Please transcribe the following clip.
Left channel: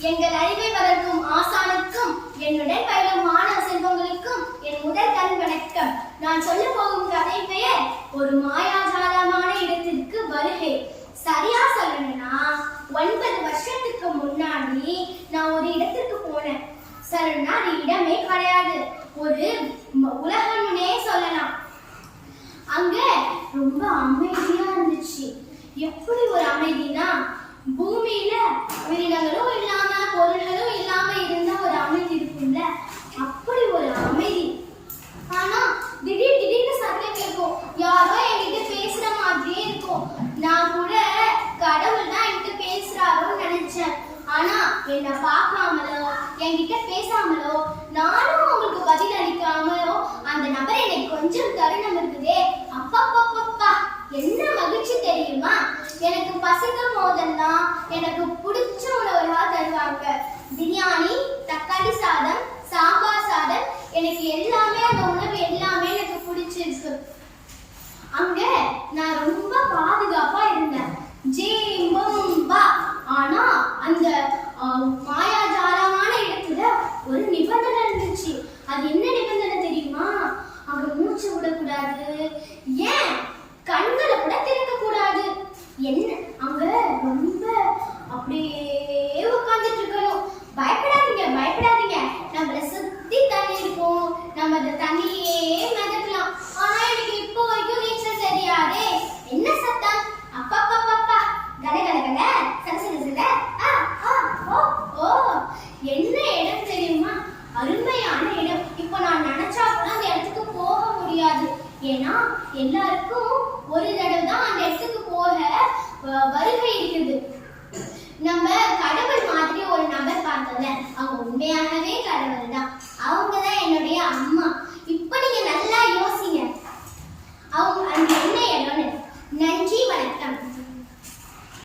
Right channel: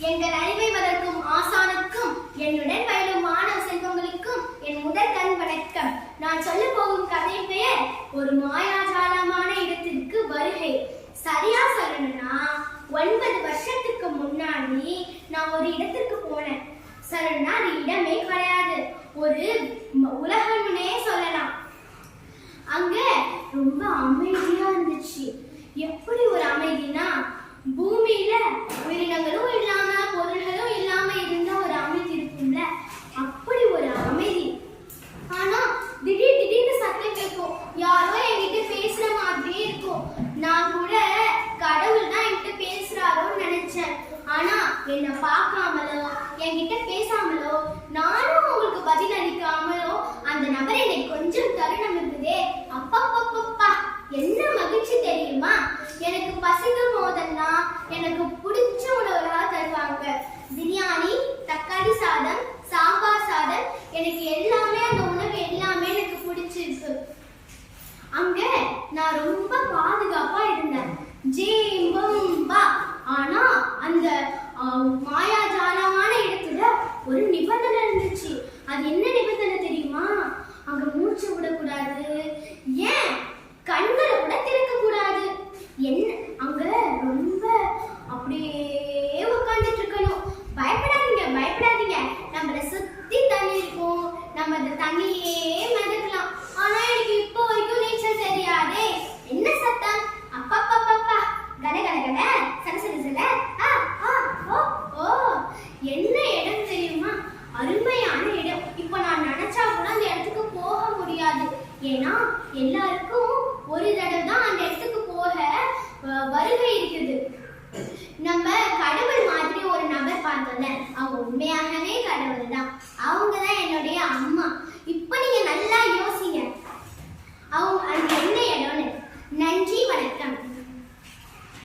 எங்கள் அறிவை வளர்க்கும் ஆசானுக்கும் என்னுடன் பயிலும் மாணவ செல்வங்களுக்கும் என் முதல் கண் வணக்கம். நான் சொல்ல போகும் கதை பெயர் ஒரு மாயாஜாலமான இடத்திற்கு வருகை. சரியா சொல்லணும்னா 9 வருஷத்துக்கு முன்னாடி நான் ஒரு இடத்திற்கு போனேன். சரின்னா அது இடமே கிடையாது, ஒரு உலகம்னே சொல்லலாம். அங்க ரொம்ப அமைதியா இருந்துச்சு. எப்படி ஒரு அமைதினா, பூமியில உயிரினங்களும் இல்லாம பொருள்களும் இல்லாம இருந்தா ஒரு அமைதி இருக்கும்ல, அப்படி ஒரு அமைதி. ஆனா திடீர்னு சத்தம் கேட்கும், யாரோ என்கிட்ட பேசுற மாதிரியே இருக்கும். நான் கூட கடவுள் தான் என்கிட்ட பேசுறாரோன்னு நினைச்சேன். ஆனா என்ன பார்க்காமலோ என்கிட்ட பேசாமலோ நானும் அவங்களுக்கு பதில் அளிக்காமலோ அந்த நபர் என்னை கொஞ்சம் தருணம் இருக்குதே, அப்பப்பப்பப்பா என்ன மகிழ்ச்சி தெரியுமா. எனக்கு பசிக்கும் போதெல்லாம் எனக்கு பிடிச்ச உணவுகளா தருவாங்க. பிரியாணி, தக்காளி சாதம், சாம்பார் சாதம், எனக்கு எல்லாமே அந்த உணவு எல்லாமே எனக்கு பிடிச்சிருக்கு. அங்க நான் ரொம்ப பாதுகாப்பா இருந்தேன். ஜேம்பா. ஆனா அந்த மாயாஜாலமான இடத்துல ஒரு நிபந்தனை இருந்துச்சு. அது என்ன நிபந்தனை தெரியுமா? அங்க மூச்சு விடக்கூடாது, ஏன் கண்களை கூட திறக்க கூடாது. என்ன அங்க ரொம்ப அப்படியே உட்கார்ந்துட்டு இருக்கணும். பயப்படாதீங்க, நம்மள சுத்தி தண்ணி இருக்கும், நம்ம அந்த தண்ணியே மிதக்கலாம். ஆனா எனக்கு இப்போ வரைக்கும் நீச்சல் தெரியாதே. என்ன சத்தம், அப்பப்பப்பப்பா, கட கட கட, சட சட சட, ஓ என்ன இடம் தெரியுமா? அருமையான இடம். இப்ப நான் நினைச்சா கூட அந்த இடத்துக்கு போக முடியாது. ஏன்னா எல்லாருக்கும் ஒரு தடவை தான் அந்த இடத்துக்கு போக வருகை இருக்குது. நம்ம கடவுள் மாதிரி ஒரு நபர் பார்த்தோம்ல, அவங்க உண்மையாகவே கடவுள் தான்.